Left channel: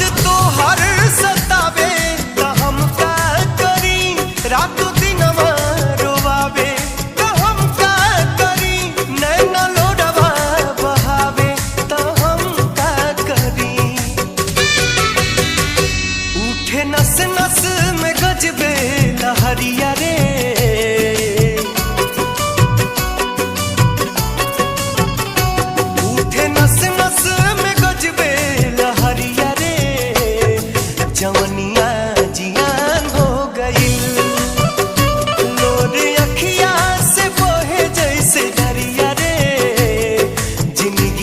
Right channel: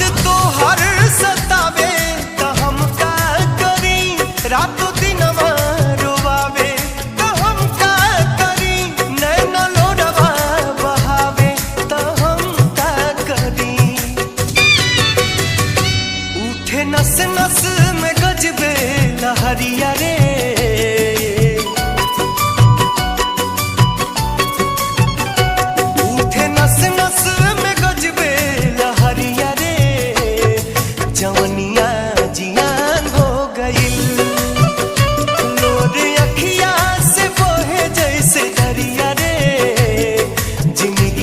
याद तो हर सतावे तो हम का करी, रातों दिन रोवावे तो हम का करी, नैना लोडवा बहावे तो हम का करी। उठे नस नस में गजबे लहरिया रे, उठे नस नस